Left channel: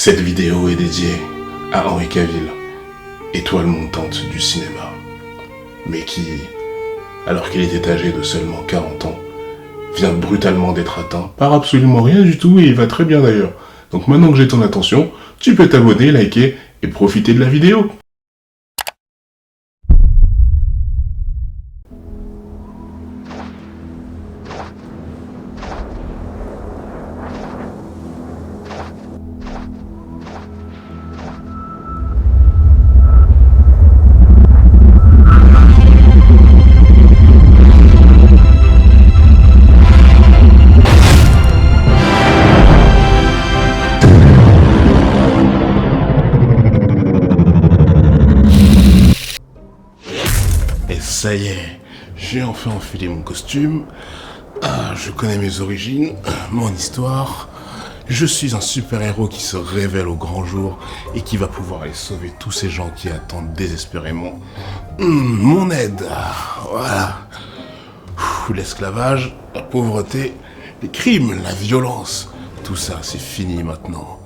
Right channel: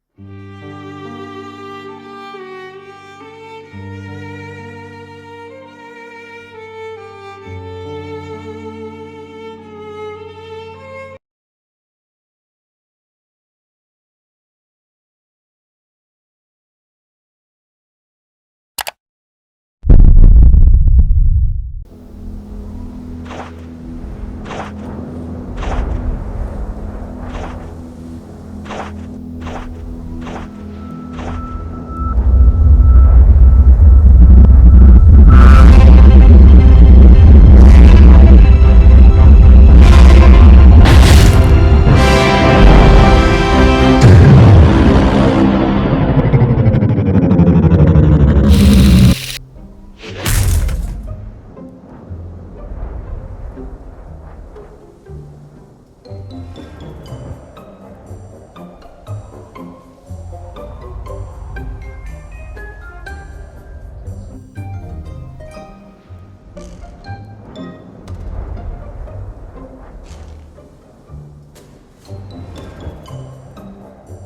Cette vidéo est dédiée à Henry Cavill, étoile montante du cinéma, mais qui, alors qu'il était âgé de seulement 40 ans, vient brutalement d'être atteint par absolument rien du tout et il va très bien d'ailleurs. Donc maintenant que j'ai ton attention, tu peux t'abonner, liker et profiter de la vidéo. Ça y est, j'ai enfin enfilé mon costume. Je connais mes origines, mon histoire. Je suis un super-héros qui se révèle au grand jour et qui va pouvoir aller sauver tous ces gens qui attendent désespérément mon aide. Voilà. L'esclavage, la pauvreté, les crimes, la violence, tout ça c'est fini maintenant.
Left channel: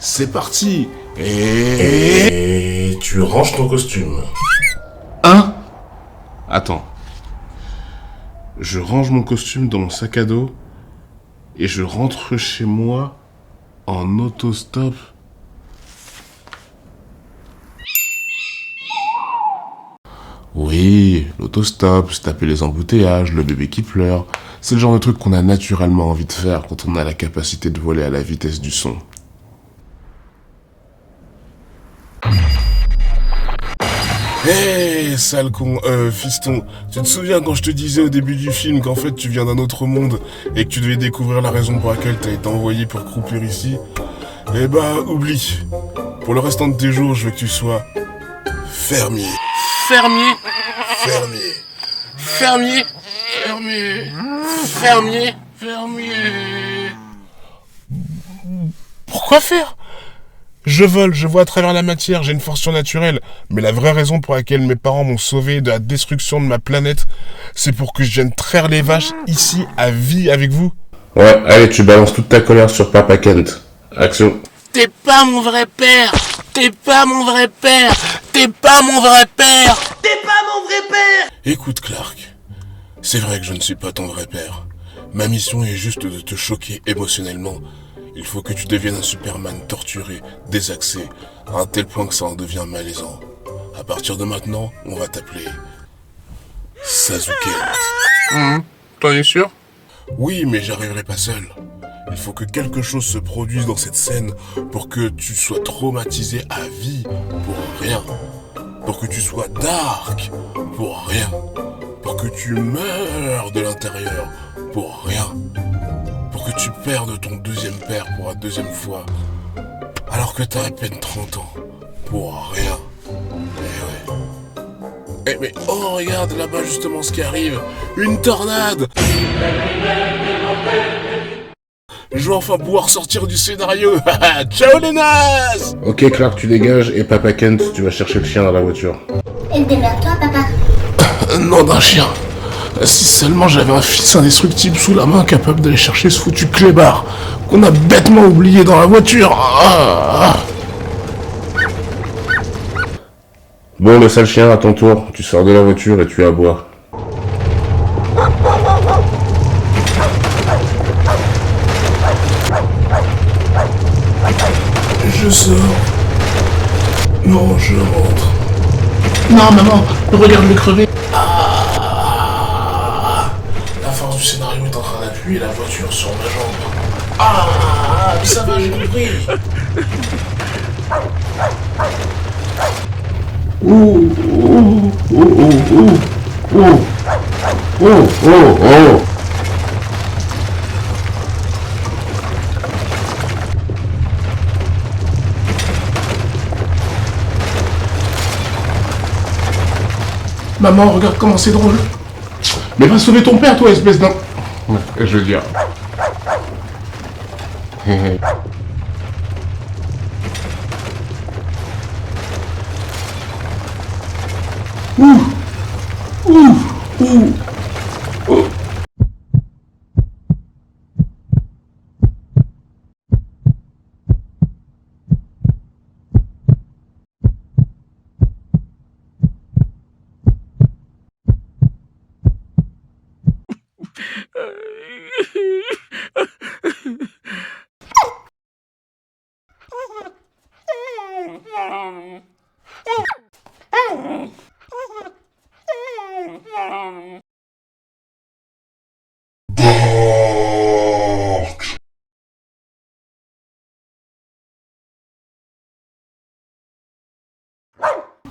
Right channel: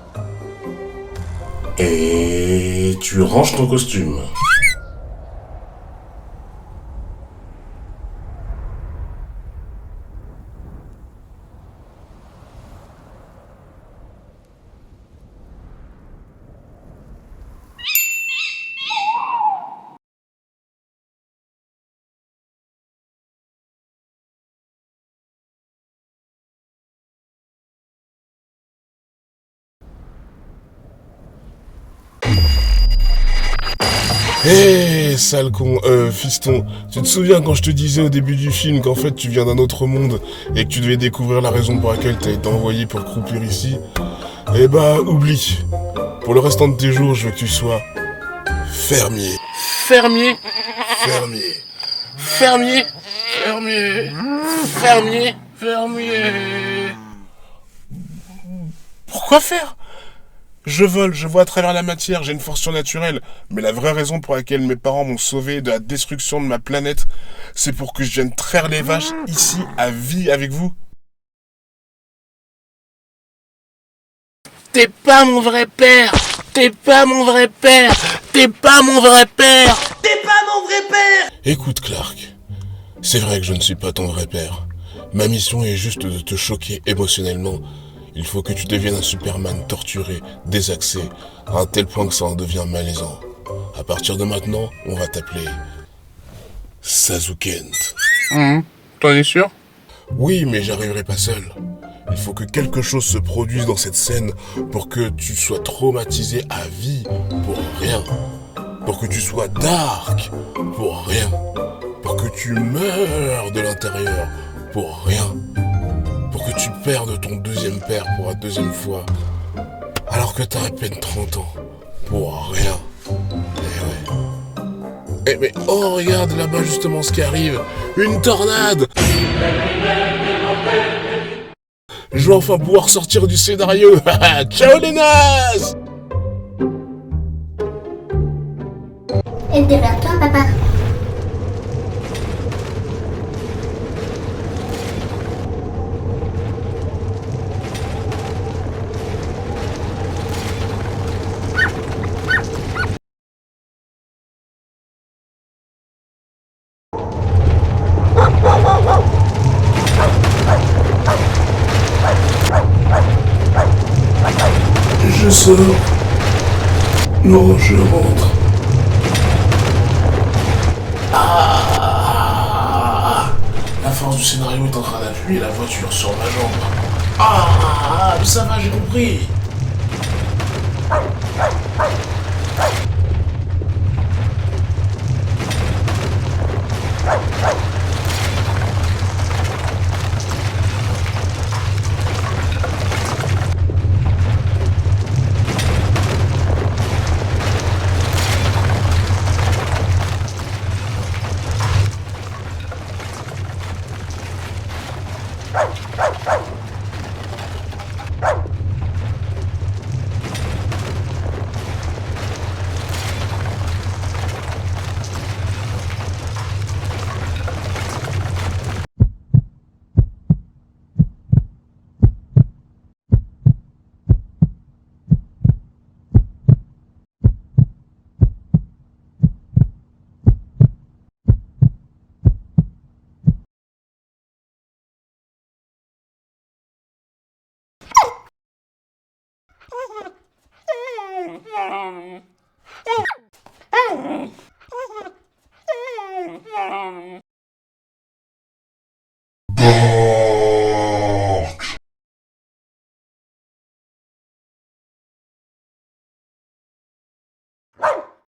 C'est parti. Et tu ranges ton costume. Hein? Attends. Je range mon costume dans mon sac à dos et je rentre chez moi en autostop. Oui, l'autostop, se taper les embouteillages, le bébé qui pleure, c'est le genre de truc qu'on a naturellement envie de faire quand on a la capacité de voler à la vitesse du son. Hé, sale con, fiston, tu te souviens quand je te disais au début du film qu'en fait tu viens d'un autre monde et que tu devais découvrir la raison pour laquelle t'as été envoyé pour croupir ici? Eh bah, oublie. Pour le restant de tes jours, je veux que tu sois fermier. Fermier? Fermier. Fermier? Fermier. Fermier? Fermier. Pourquoi faire? Je vole, je vois à travers la matière, j'ai une force surnaturelle. Mais la vraie raison pour laquelle mes parents m'ont sauvé de la destruction de ma planète, c'est pour que je vienne traire les vaches ici à vie avec vous. Ouais, allez, tu balances toute ta colère sur Papa Kent. Action. T'es pas mon vrai père! T'es pas mon vrai père! T'es pas mon vrai père! T'es pas mon vrai père! Écoute, Clark, c'est vrai que je ne suis pas ton vrai père. Ma mission est juste de te choquer émotionnellement. Il faut que tu deviennes un Superman torturé, désaxé, à un tel point que ça en devient malaisant. À partir de maintenant, on va t'appeler Sazukent. T'en es sûr? Oui, mais j'arriverai pas seul. Il faut que quelque chose se produise dans cette scène pour que tu sois traumatisé à vie pour rien. Pour que tu sois dark pour rien. Pour que tu meurs de l'intérieur pour rien. Pour que tu perdes ton deuxième père pour la deuxième fois, alors que t'as à peine 30 ans, pour rien. Eh ouais. Eh mais oh regarde là-bas justement ce qui arrive, une tornade. Je vais enfin pouvoir sortir du scénario. Ciao les nazes. Ok Clark, tu dégages et Papa Kent, tu vas chercher le chien dans la voiture. Et démerde-toi, papa. Non d'un chien. Si seulement j'avais un fils indestructible sous la main capable d'aller chercher ce foutu clébard qu'on a bêtement oublié dans la voiture. Bon, le sale chien, à ton tour, tu sors de la voiture et tu aboies. Je sors. Non, je rentre. Non, maman, regarde-moi crever. La force du scénario est en train d'appuyer la voiture sur ma jambe. Ça va, j'ai compris. Maman, regarde comment c'est drôle. Mais va sauver ton père, toi, espèce d'un... Je veux dire...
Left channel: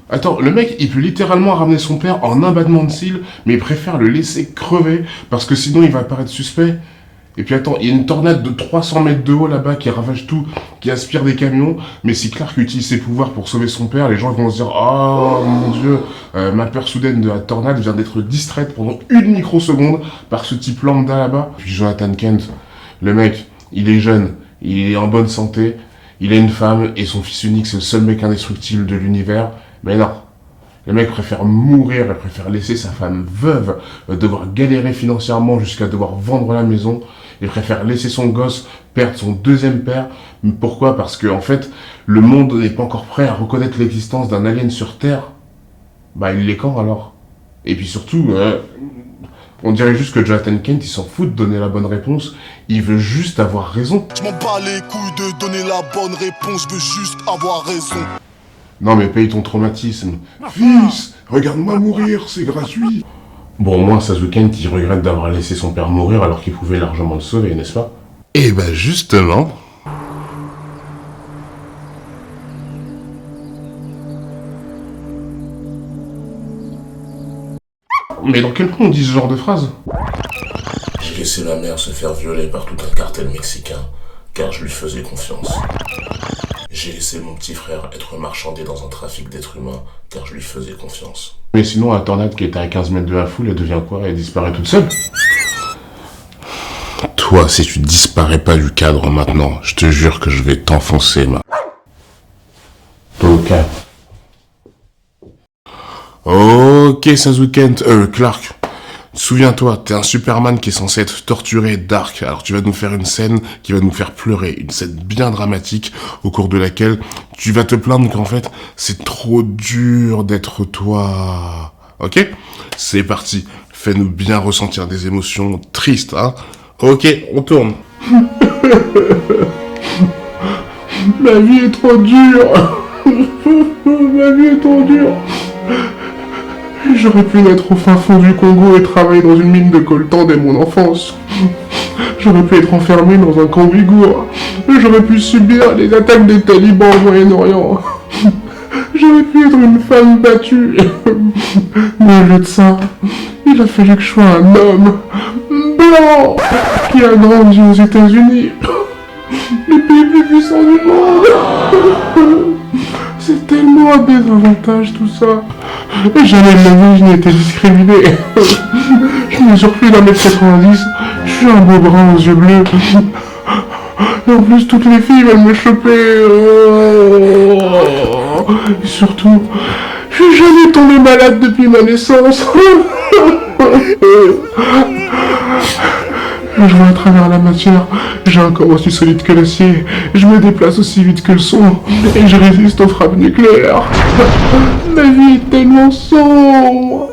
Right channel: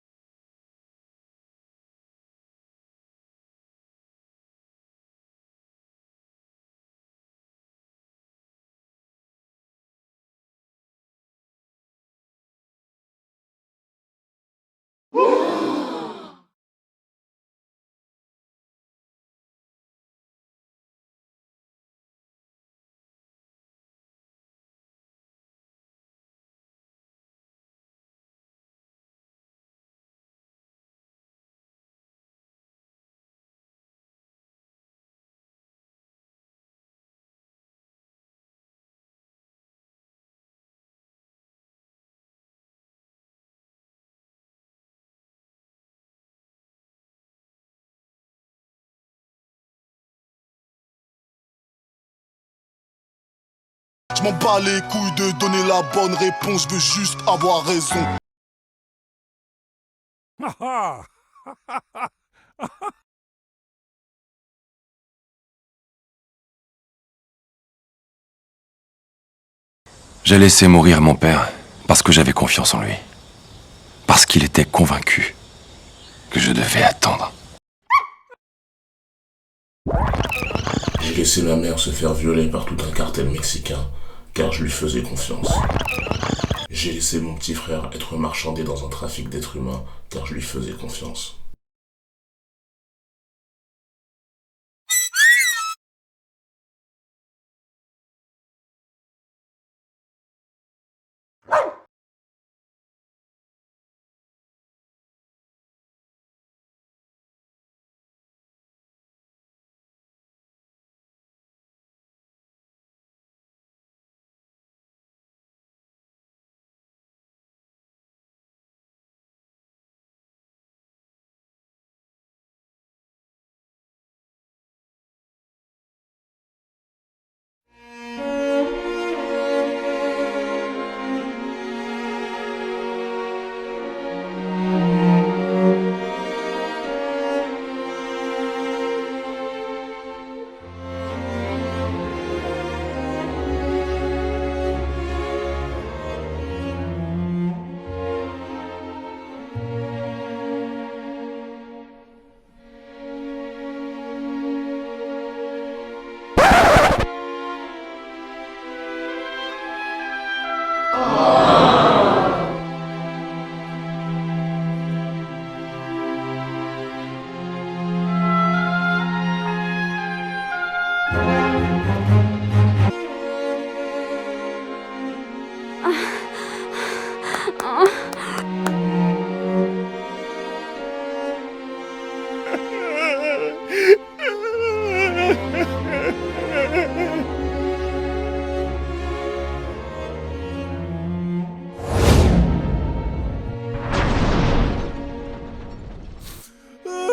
Attends, le mec, il peut littéralement ramener son père en un battement de cils, mais il préfère le laisser crever, parce que sinon il va paraître suspect. Et puis attends, il y a une tornade de 300 mètres de haut là-bas qui ravage tout, qui aspire des camions, mais si Clark utilise ses pouvoirs pour sauver son père, les gens vont se dire « Oh mon Dieu, ma peur soudaine de la tornade vient d'être distraite pendant une microseconde par ce type lambda là-bas. » Puis Jonathan Kent, le mec, il est jeune, il est en bonne santé, il a une femme, et son fils unique, c'est le seul mec indestructible de l'univers. Mais non, le mec préfère mourir, il préfère laisser sa femme veuve, devoir galérer financièrement jusqu'à devoir vendre la maison. Il préfère laisser son gosse perdre son deuxième père. Pourquoi? Parce que en fait, le monde n'est pas encore prêt à reconnaître l'existence d'un alien sur Terre. Bah il l'est quand alors? Et puis surtout, on dirait juste que Jonathan Kent, il s'en fout de donner la bonne réponse. Il veut juste avoir raison. Je m'en bats les couilles de donner la bonne réponse, je veux juste avoir raison. Non mais paye ton traumatisme. Fils, regarde-moi mourir, c'est gratuit. Bon, au moins, Sasuke Kent, il regrette d'avoir laissé son père mourir alors qu'il pouvait largement le sauver, n'est-ce pas? Eh ben justement... J'ai laissé mourir mon père parce que j'avais confiance en lui. Parce qu'il était convaincu que je devais attendre. Mais dans quel point on dit ce genre de phrase? J'ai laissé ma mère se faire violer par tout un cartel mexicain, car je lui faisais confiance. J'ai laissé mon petit frère être marchandé dans un trafic d'êtres humains, car je lui faisais confiance. Mais sinon, la tornade qui était à 15 mètres de la foule, elle devient quoi? Elle disparaît toute seule? Toi, si tu disparais pas du cadre maintenant, je te jure que je vais t'enfoncer, Ok. Ok, Sasuke Kent, Clark. Souviens-toi, t'es un Superman qui est censé être torturé, dark, alors tu vas nous faire une scène qui va nous faire pleurer, une scène bien dramatique, au cours de laquelle tu vas te plaindre qu'en fait, c'est trop dur d'être toi. Ok? C'est parti, fais-nous bien ressentir des émotions tristes, hein? Ok, on tourne. Ma vie est trop dure. Ma vie est trop dure. J'aurais pu naître au fin fond du Congo et travailler dans une mine de coltan dès mon enfance. J'aurais pu être enfermé dans un camp ouïghour. J'aurais pu subir les attaques des talibans au Moyen-Orient. J'aurais pu être une femme battue. Mais au lieu de ça, il a fallu que je sois un homme blanc qui a grandi aux États-Unis, le pays le plus puissant du monde. C'est tellement un désavantage tout ça. Et jamais de ma vie je n'ai été discriminé. Je mesure plus d'1m90, je suis un beau brun aux yeux bleus. Et en plus toutes les filles veulent me choper. Et surtout, je suis jamais tombé malade depuis ma naissance. Je vois à travers la matière, j'ai un corps aussi solide que l'acier, je me déplace aussi vite que le son, et je résiste aux frappes nucléaires. Ma vie est tellement sombre.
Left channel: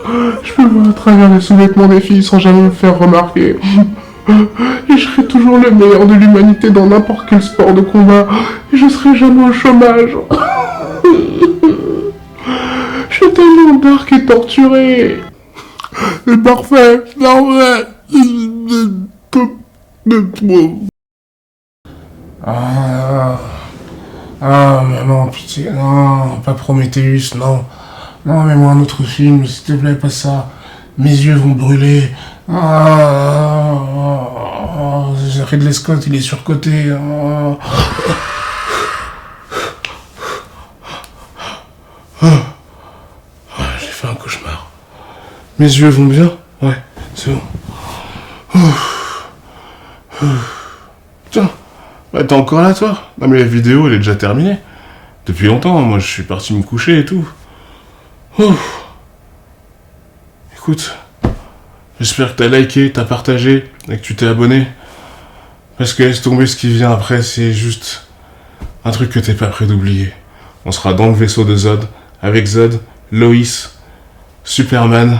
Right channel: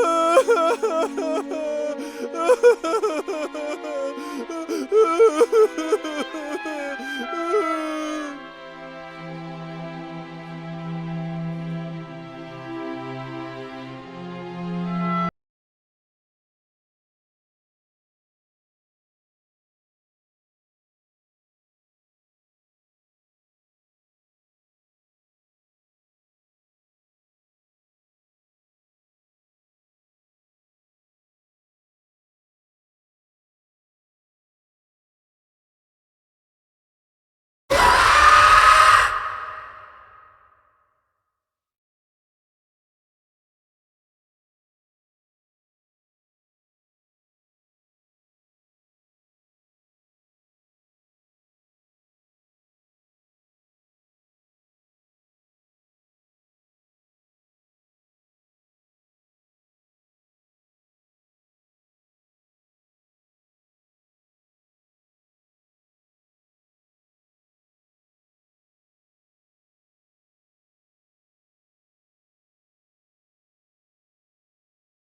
Je peux voir à travers les sous-vêtements des filles sans jamais me faire remarquer. Et je serai toujours le meilleur de l'humanité dans n'importe quel sport de combat, et je serai jamais au chômage. Je suis tellement dark et torturé. C'est parfait, parfait. Mais non, pitié, non, pas Prometheus, non. Non, mais moi un autre film, s'il te plaît, pas ça. Mes yeux vont brûler. Ridley Scott, il est surcoté. J'ai fait un cauchemar. Mes yeux vont bien? Ouais, c'est bon. Tiens, bah, t'es encore là, toi? Non, mais la vidéo, elle est déjà terminée. Depuis longtemps, moi, je suis parti me coucher et tout. Écoute, j'espère que t'as liké, t'as partagé et que tu t'es abonné. Parce que laisse tomber, ce qui vient après, c'est juste un truc que t'es pas prêt d'oublier. On sera dans le vaisseau de Zod, avec Zod, Loïs, Superman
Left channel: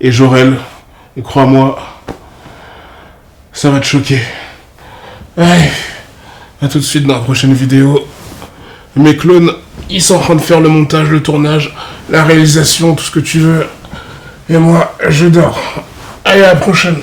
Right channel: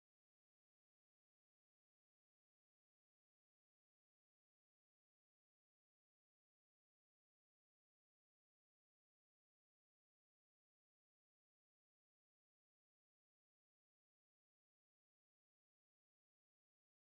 et Jor-El. Et crois-moi, ça va te choquer. Allez, à tout de suite dans la prochaine vidéo. Mes clones, ils sont en train de faire le montage, le tournage, la réalisation, tout ce que tu veux. Et moi, je dors. Allez, à la prochaine.